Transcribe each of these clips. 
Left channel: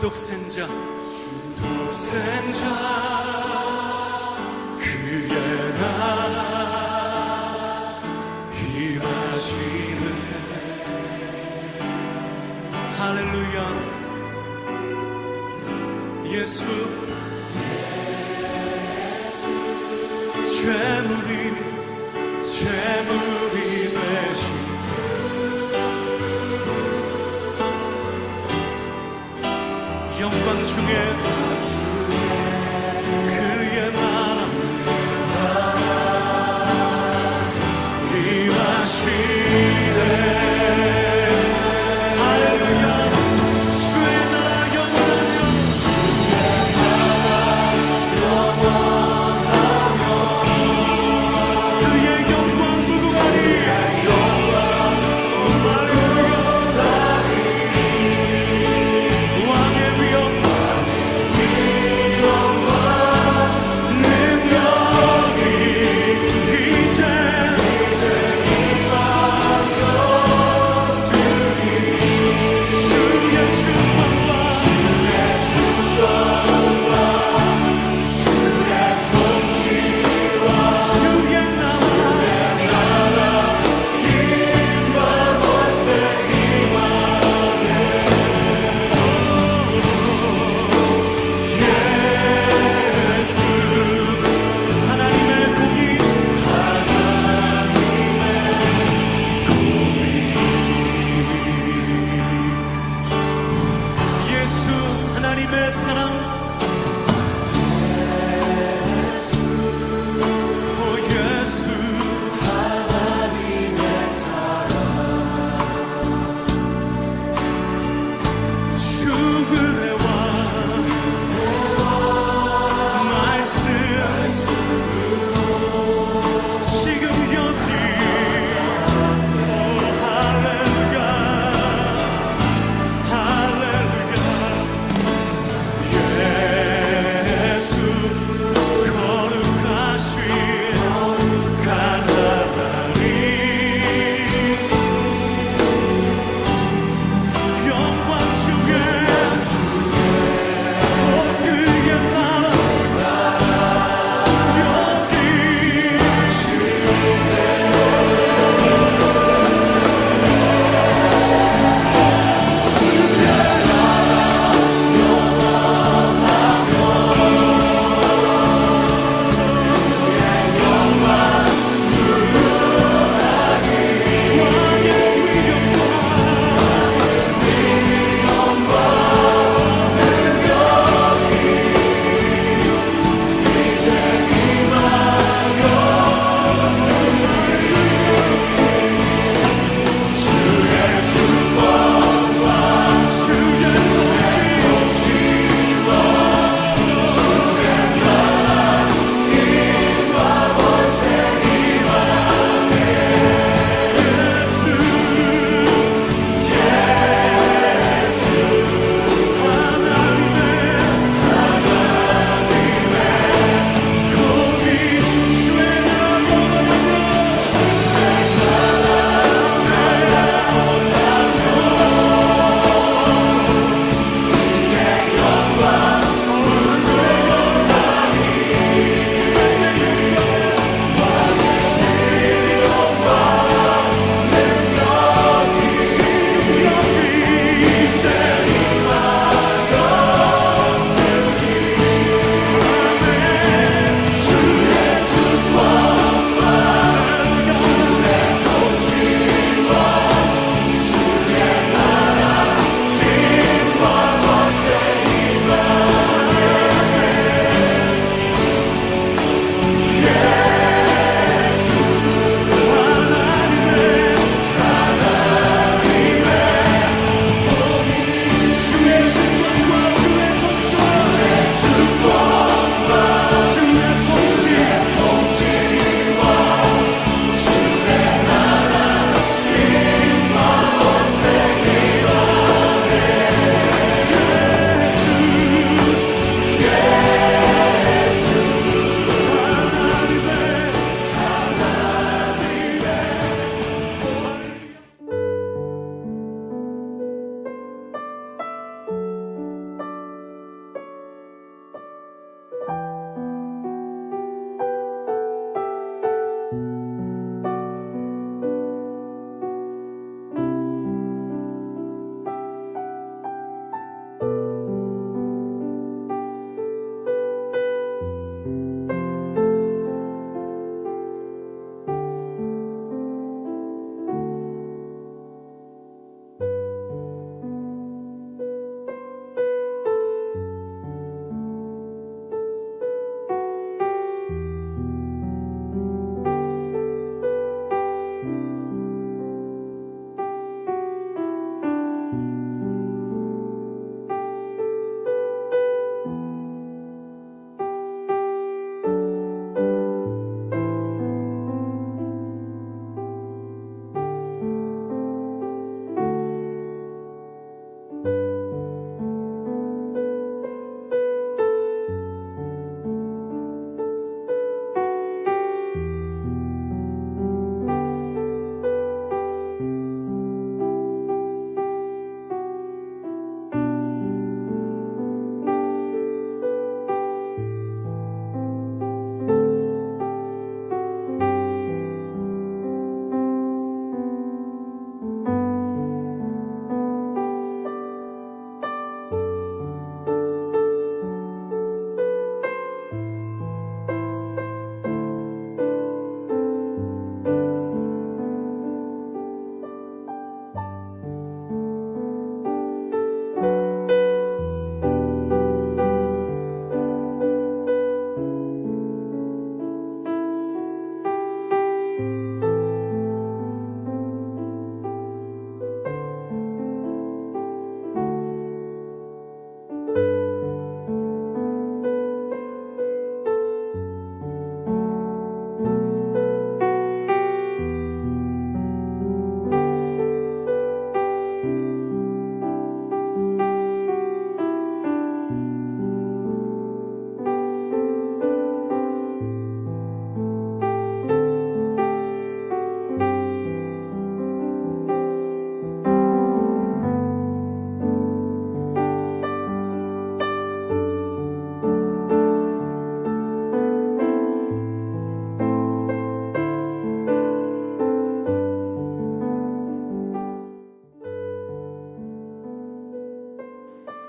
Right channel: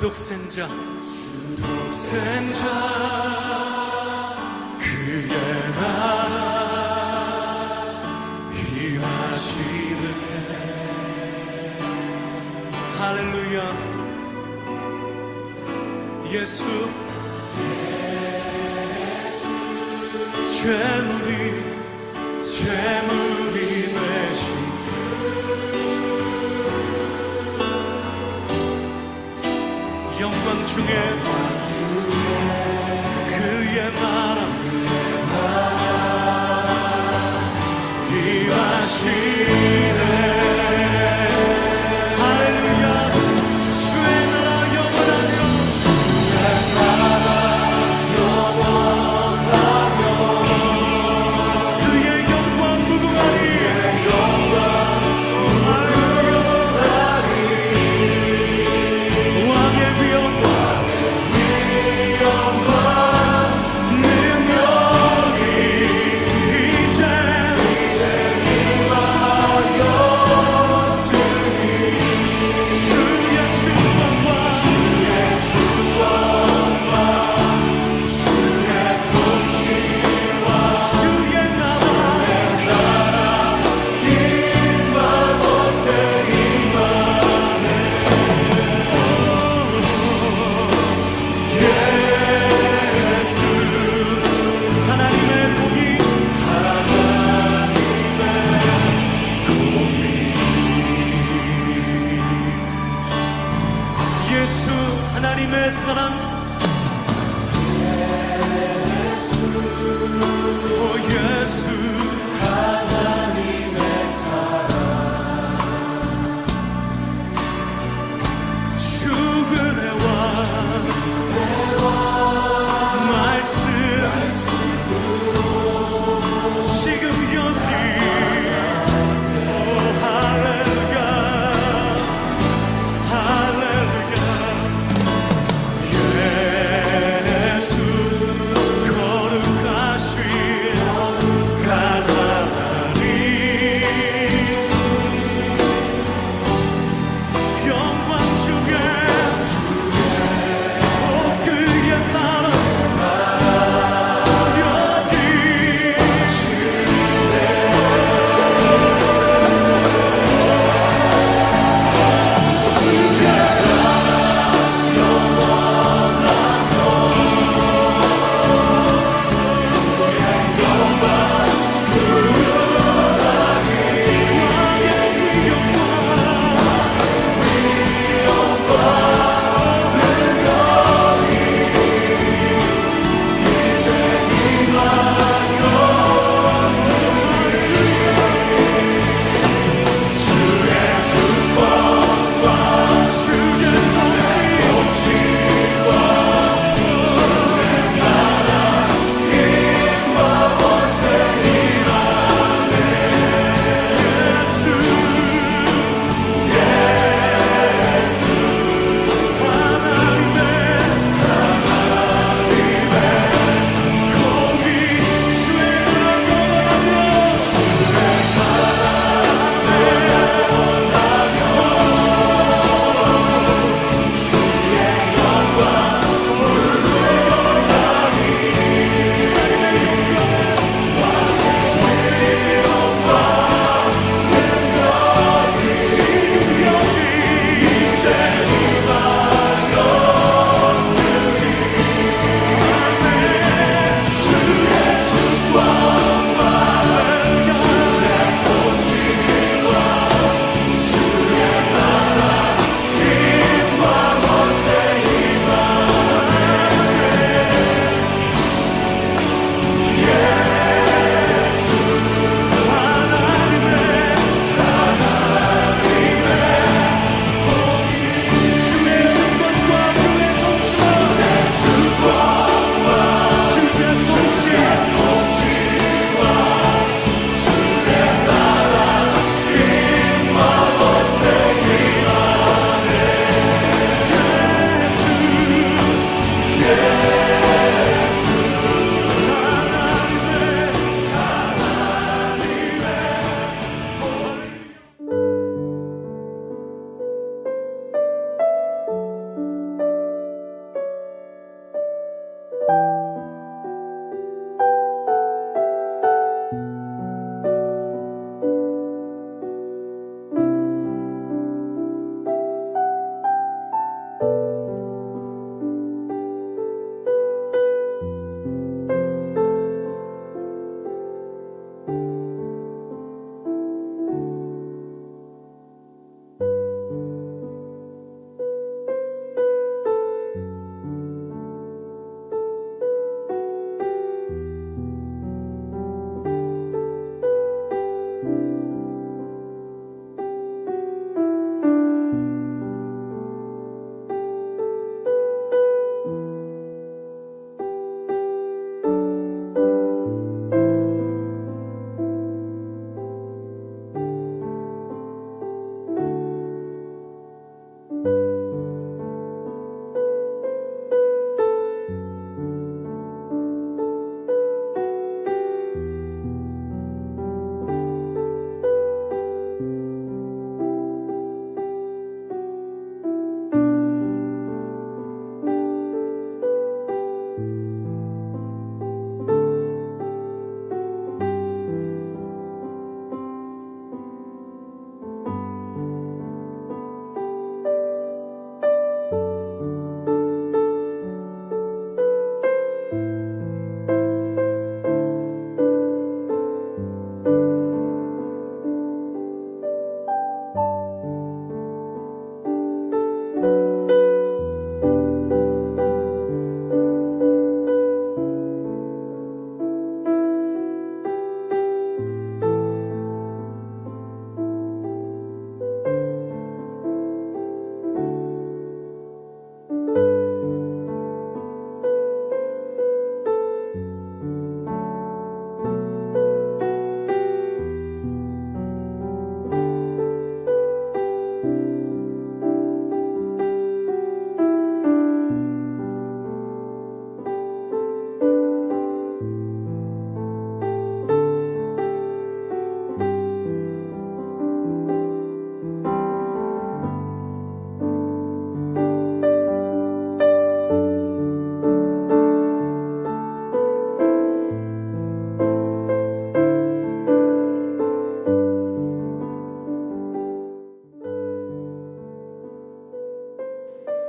독생자 그의 나라 임하시네. 할렐루야. 예수 재물이 되신 영광 중에 그의 나라 임하시네. 할렐루야. 주의 나라 영원하며 그의 영광 무궁하니. 할렐루야. 왕의 위엄 능력이 이제 주의 주권과 주의 나라 예수 하나님의 공의 예수 하나님의 사랑 오 예수 주은혜와 말씀 지금 여기 오 할렐루야 할렐루야. 예수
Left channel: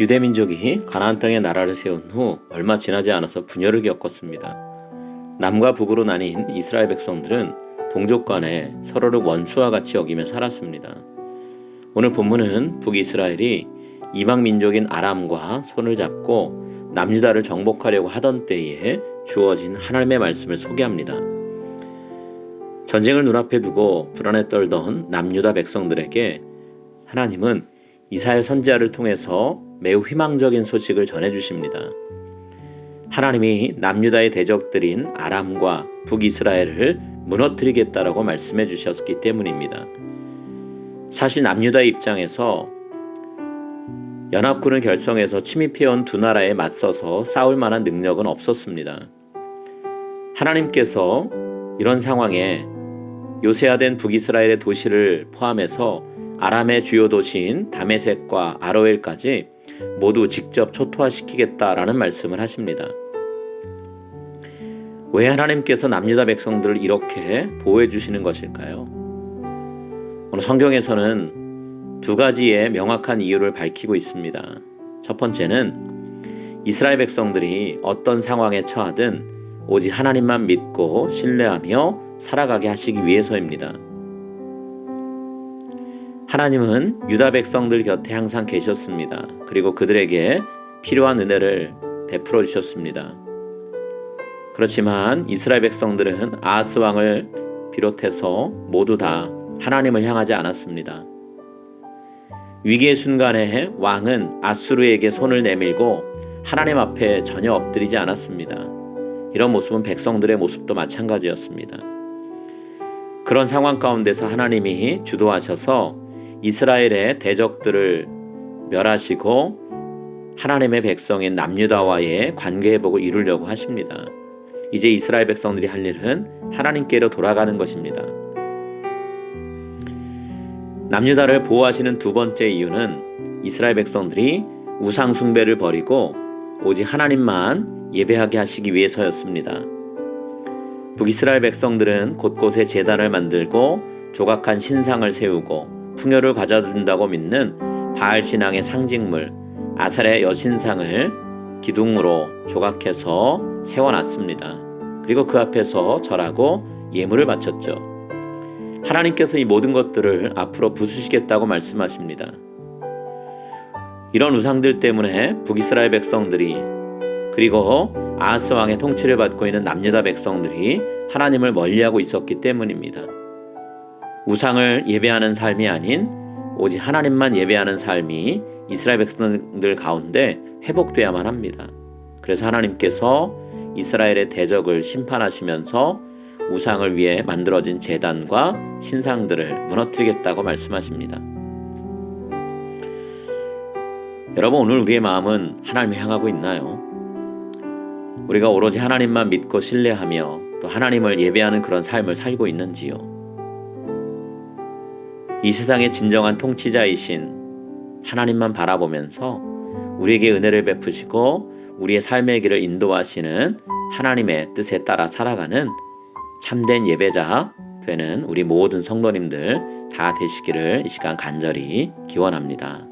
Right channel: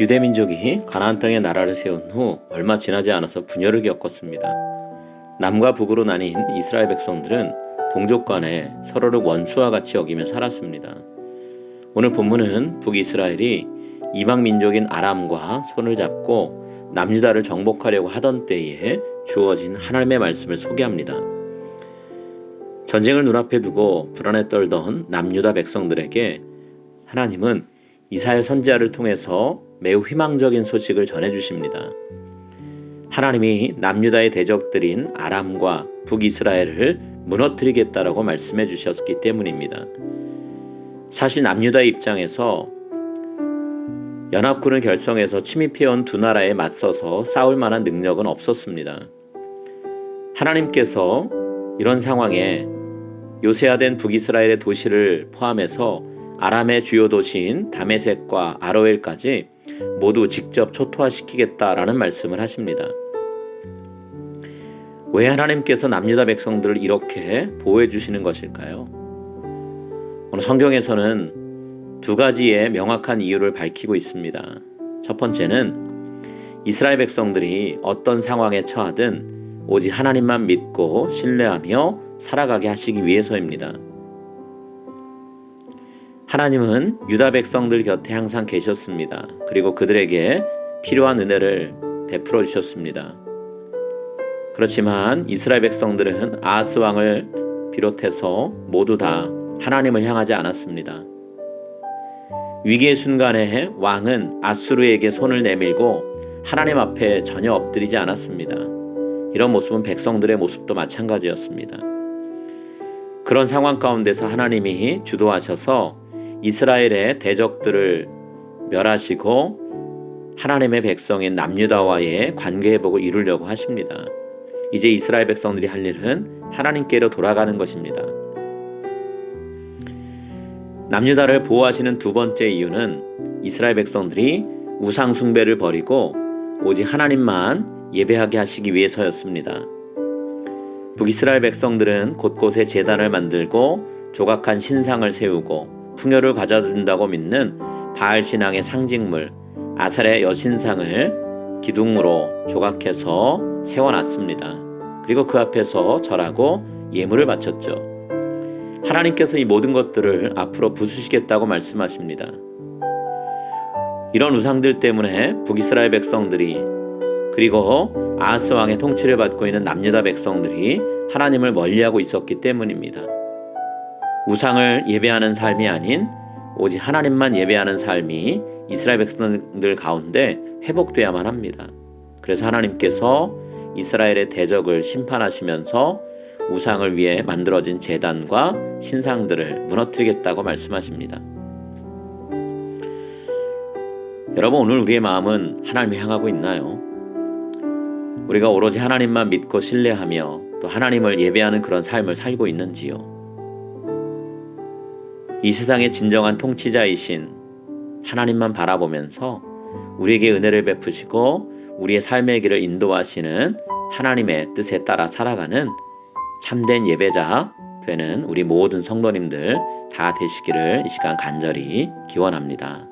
유대민족이 가나안 땅에 나라를 세운 후 얼마 지나지 않아서 분열을 겪었습니다. 남과 북으로 나뉜 이스라엘 백성들은 동족 간에 서로를 원수와 같이 여기며 살았습니다. 오늘 본문은 북이스라엘이 이방 민족인 아람과 손을 잡고 남유다를 정복하려고 하던 때에 주어진 하나님의 말씀을 소개합니다. 전쟁을 눈앞에 두고 불안에 떨던 남유다 백성들에게 하나님은 이사야 선지자를 통해서 매우 희망적인 소식을 전해주십니다. 하나님이 남유다의 대적들인 아람과 북이스라엘을 무너뜨리겠다라고 말씀해 주셨기 때문입니다. 사실 남유다의 입장에서 연합군을 결성해서 침입해온 두 나라에 맞서서 싸울 만한 능력은 없었습니다. 하나님께서 이런 상황에 요새화된 북이스라엘의 도시를 포함해서 아람의 주요 도시인 다메섹과 아로엘까지 모두 직접 초토화시키겠다라는 말씀을 하십니다. 왜 하나님께서 남유다 백성들을 이렇게 보호해 주시는 것일까요? 오늘 성경에서는 두 가지의 명확한 이유를 밝히고 있습니다. 첫 번째는 이스라엘 백성들이 어떤 상황에 처하든 오직 하나님만 믿고 신뢰하며 살아가게 하시기 위해서입니다. 하나님은 유다 백성들 곁에 항상 계셨습니다. 그리고 그들에게 필요한 은혜를 베풀어 주셨습니다. 그렇지만 이스라엘 백성들은 아하스 왕을 비롯해서 모두 다 하나님을 향하지 않았습니다. 위기의 순간에 왕은 아수르에게 손을 내밀고 하나님 앞에 전혀 엎드리지 않았습니다. 이런 모습은 백성들의 모습도 마찬가지였습니다. 그런 상황 가운데서 하나님이 주도하셔서 이스라엘의 대적들을 멸하시고 하나님의 백성인 남유다와의 관계 회복을 이루려고 하십니다. 이제 이스라엘 백성들이 할 일은 하나님께로 돌아가는 것입니다. 남유다를 보호하시는 두 번째 이유는 이스라엘 백성들이 우상 숭배를 버리고 오직 하나님만 예배하게 하시기 위해서였습니다. 북이스라엘 백성들은 곳곳에 제단을 만들고 조각한 신상을 세우고 풍요를 가져준다고 믿는 바알 신앙의 상징물 아셀의 여신상을 기둥으로 조각해서 세워놨습니다. 그리고 그 앞에서 절하고 예물을 바쳤죠. 하나님께서 이 모든 것들을 앞으로 부수시겠다고 말씀하십니다. 이런 우상들 때문에 북이스라엘 백성들이 그리고 아하스 왕의 통치를 받고 있는 남유다 백성들이 하나님을 멀리하고 있었기 때문입니다. 우상을 예배하는 삶이 아닌 오직 하나님만 예배하는 삶이 이스라엘 백성들 가운데 회복돼야만 합니다. 그래서 하나님께서 이스라엘의 대적을 심판하시면서 우상을 위해 만들어진 제단과 신상들을 무너뜨리겠다고 말씀하십니다. 여러분, 오늘 우리의 마음은 하나님을 향하고 있나요? 우리가 오로지 하나님만 믿고 신뢰하며 또 하나님을 예배하는 그런 삶을 살고 있는지요? 이 세상의 진정한 통치자이신 하나님만 바라보면서 우리에게 은혜를 베푸시고 우리의 삶의 길을 인도하시는 하나님의 뜻에 따라 살아가는 참된 예배자 되는 우리 모든 성도님들 다 되시기를 이 시간 간절히 기원합니다.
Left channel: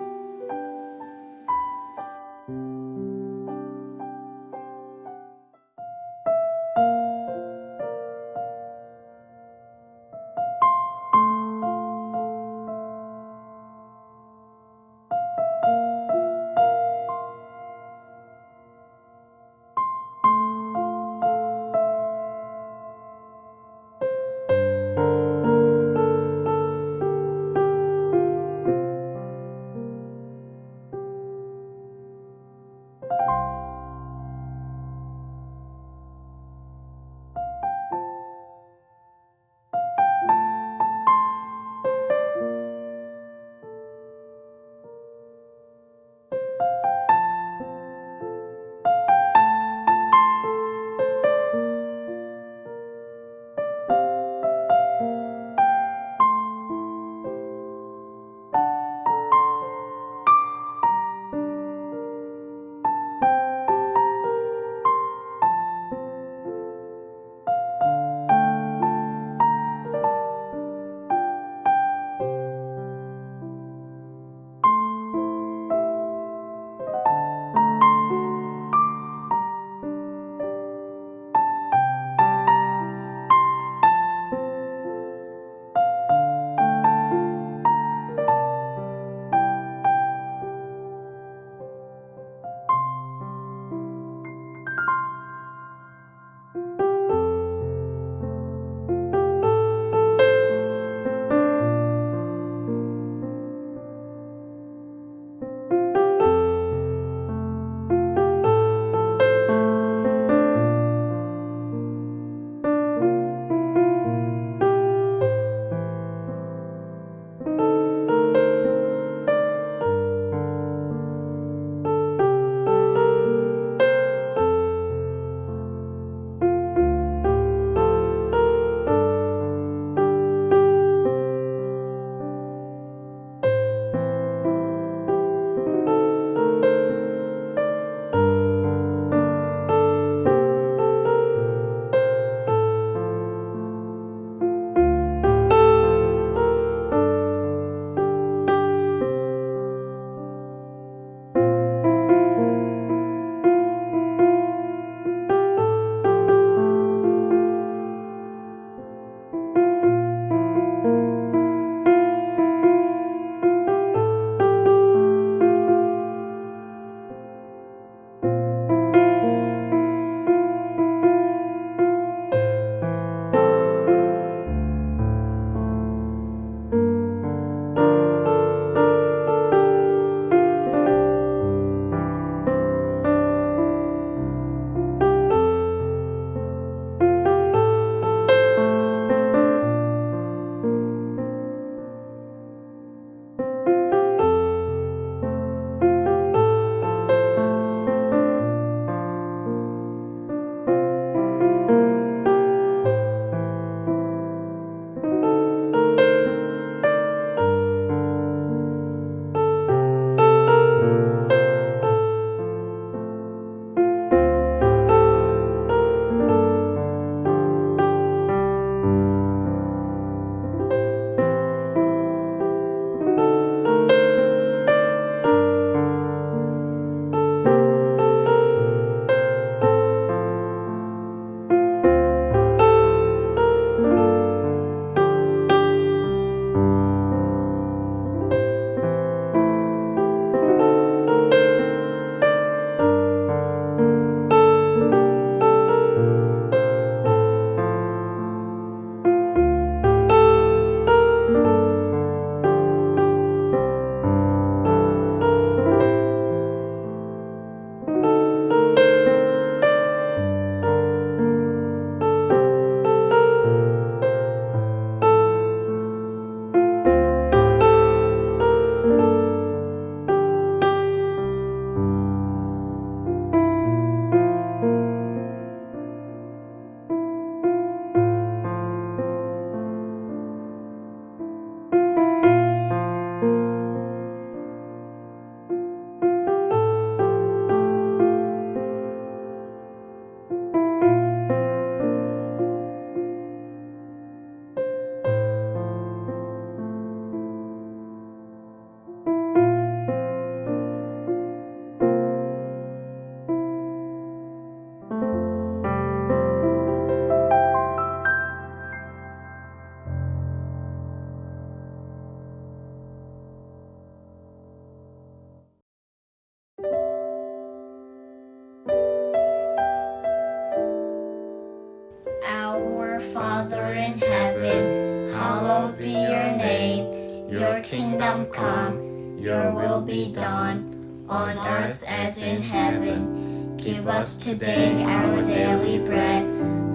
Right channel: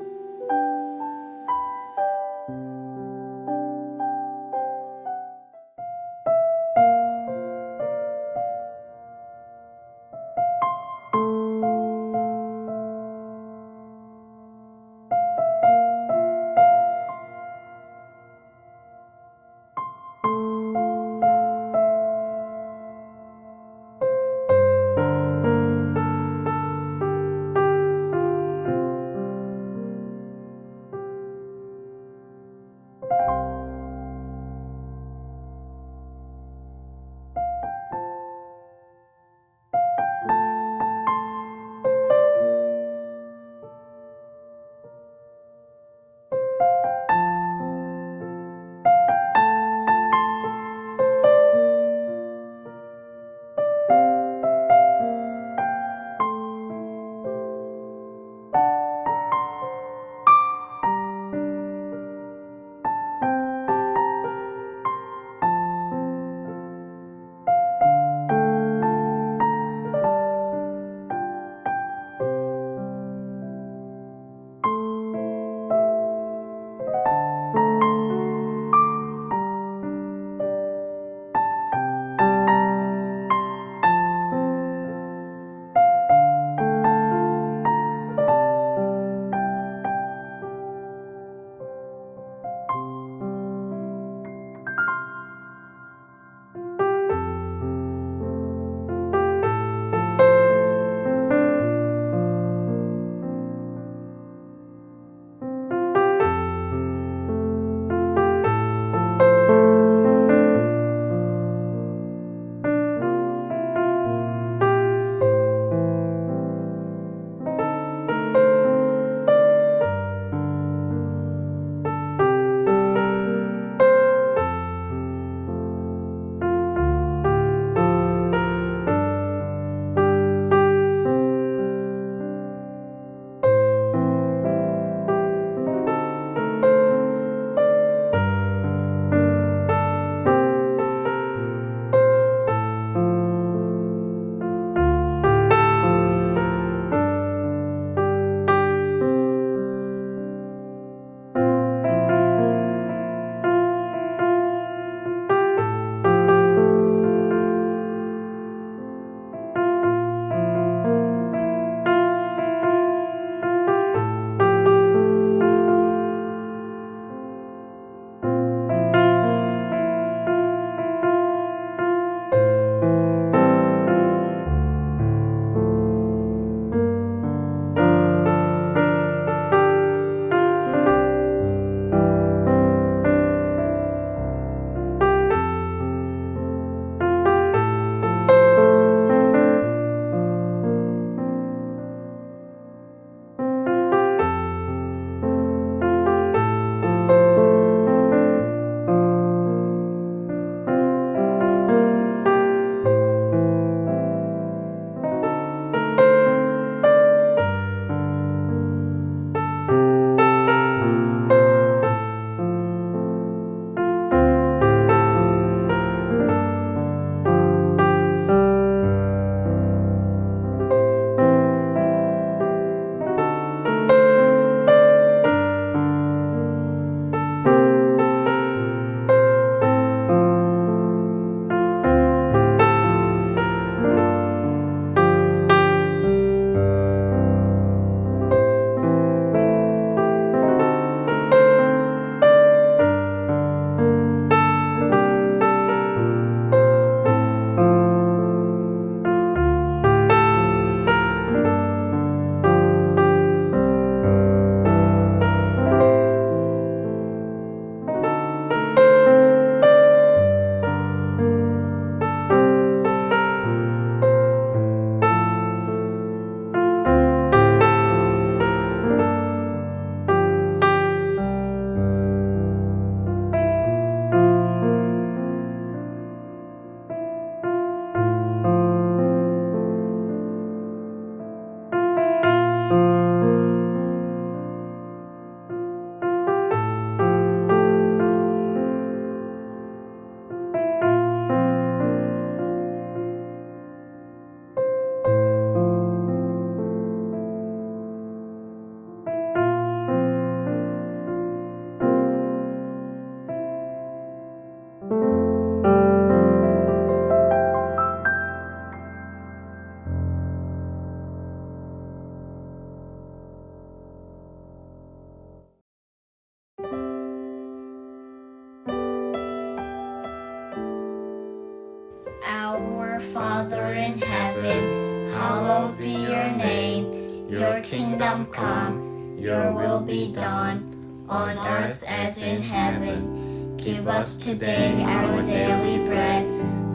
Our Father in heaven, hallowed be your name. Your kingdom come, your will be done, on earth as in heaven. Give us today our daily bread.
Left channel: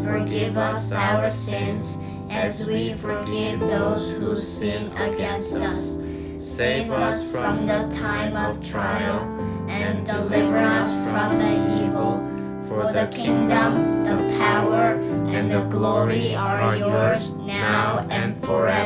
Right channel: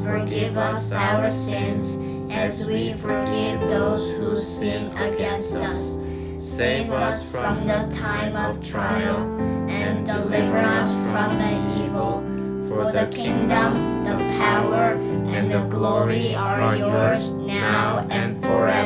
Forgive us our sins, as we forgive those who sin against us. Save us from the time of trial, and deliver us from the evil. For the kingdom, the power, and the glory are yours now and forever.